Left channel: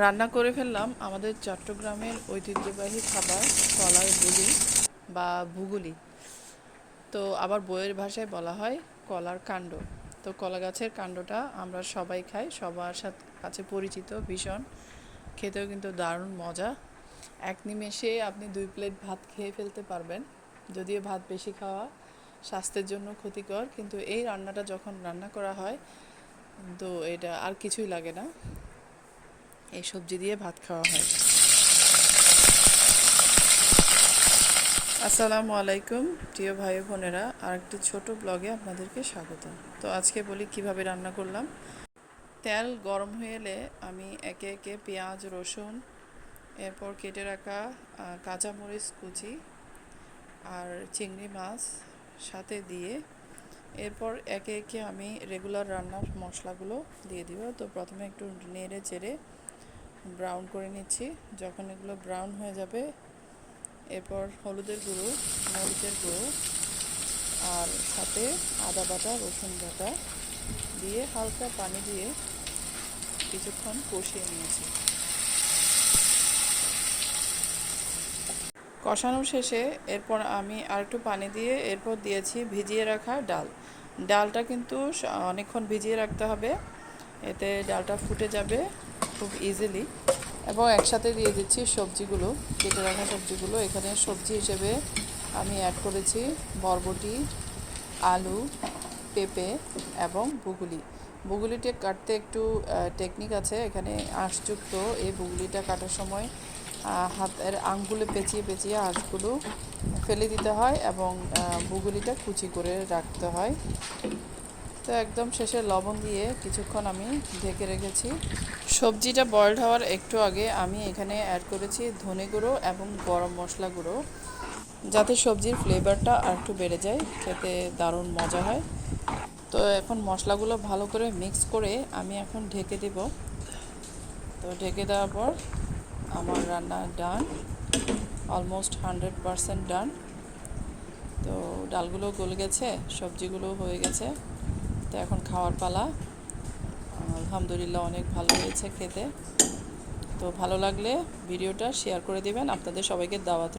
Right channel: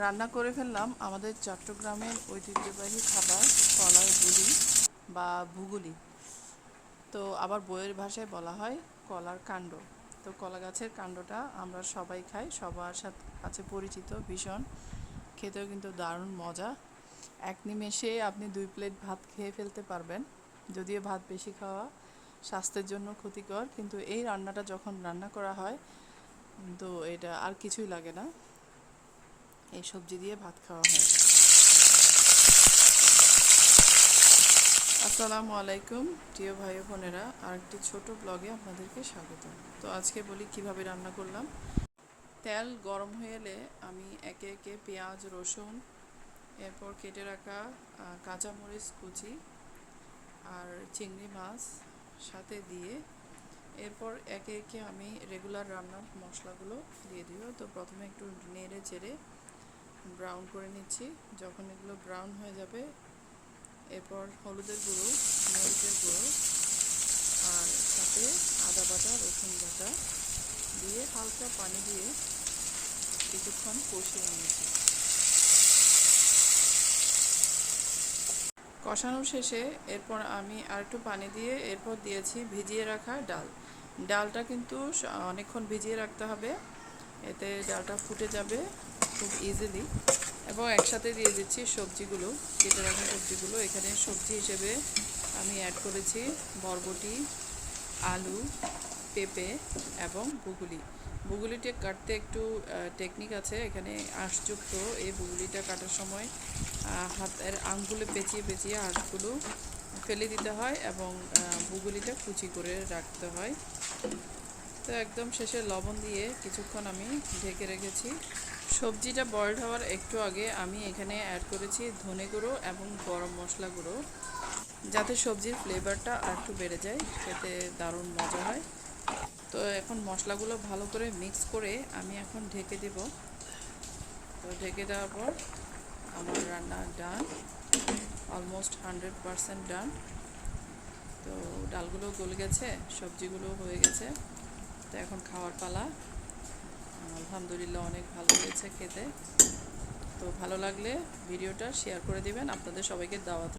রান্না করে ফেললাম আমাদের চট্টগ্রামের ঐতিহ্যবাহী খাবার কলার বুলি বা ভুগুলি। তো আবার বইয়ের ভাষায় বলা হয় কলার কাণ্ড। তো কলা গাছের কাণ্ডটা আমরা সবাই খাই, সবার সাথে কাছে পরিচিত, ভীষণ খেতেও কিন্তু দারুণ মজা। এক নিমেষে আপনি 2 প্লেট ভাত খেয়ে ফেলতে পারবেন। যদিও ভাত বেশি খাওয়া স্বাস্থ্যের জন্য ক্ষতিকর, কিন্তু এই রান্নাটা যখন রান্না করা হয় কিন্তু এটা আর কিছুই লাগে না, এই সবজি দিয়ে ভাত খাওয়া হয়। আসসালামু আলাইকুম প্রিয় ভাই বোনেরা, আরেকটি ছোট ব্লগে আপনাদেরকে স্বাগত। তো আজকে বলি কিভাবে রান্না করলাম। তেল গরম হয়ে এলে আমি একে একে পেঁয়াজ, রসুন, এরপর কেটে রাখা কাঁচামরিচ কুচি আর চিংড়ি মাছ সাথে দিয়ে এরপর একে একে আমি রেগুলার রান্নার মশলাগুলো দিয়ে দিব। তো প্রথমে একটু নেড়ে চেড়ে ব্রাউন করে নিচ্ছি। যখন এগুলো ব্রাউন হয়ে যাবে এরপর হলুদের গুঁড়ো, মরিচের গুঁড়ো আর সাথে আদা বাটা, রসুন বাটা দিয়ে হালকা পানি দিয়ে কিছুক্ষণ কষিয়ে নিয়েছি। কষানো শেষে এরপর আমি আর একটু পানি দিয়ে এরপর দিয়েছি ভিজিয়ে রাখা ডাল। ডালটা কিন্তু অনেকক্ষণ ভিজিয়ে রাখতে হবে, এতে ডালটা ফুটে যাবে খুব ইজিলি। এবং একসাথে দিয়ে দিচ্ছি সবজিগুলো, কেটে রাখা সবজিগুলো। এখানে সবজি হিসেবে আমি অ্যাড করেছি বরবটি, আলু, পেঁপে এবং বুগুলি। বুগুলিটা কাটতে একটু টেকনিক আছে এখানে, আঁশযুক্ত। এই বুগুলিটা কাটার সময় হাতের আঙুলে পেঁচিয়ে পেঁচিয়ে আঁশগুলো ফেলে দিতে হয় এবং বুগুলিটা কুচি করে রাখতে হয়। তো একদম শেষে লবণ দিয়ে কিছুক্ষণ আমি ঢেকে রেখেছি। সবজিটা বয়েলড হওয়ার একটু আগে আমি এখানে অ্যাড করেছি ধনে গুঁড়ো এবং গরম মশলা গুঁড়ো, যাতে সবজির ফ্লেভারটা আর একটু বেড়ে যায়, খেতে দারুণ মজা হয়। তো এখন মশলাগুলো ভালো করে মিক্স করে আমি এখন ঢেকে দেব। তো ঢেকে দেওয়ার পর আমার রান্না ডান, অলমোস্ট 100% ডান। তো ডালগুলো গলে গেছে, সবজিগুলো হয়ে গেছে। তো এখন খাওয়ার পালা। আলহামদুলিল্লাহ অনেক ভালো হয়েছে খেতে। তো ভালো লাগলে ভিডিওটা শেয়ার করে দিবেন, আপনাদের সবাইকে দাওয়াত।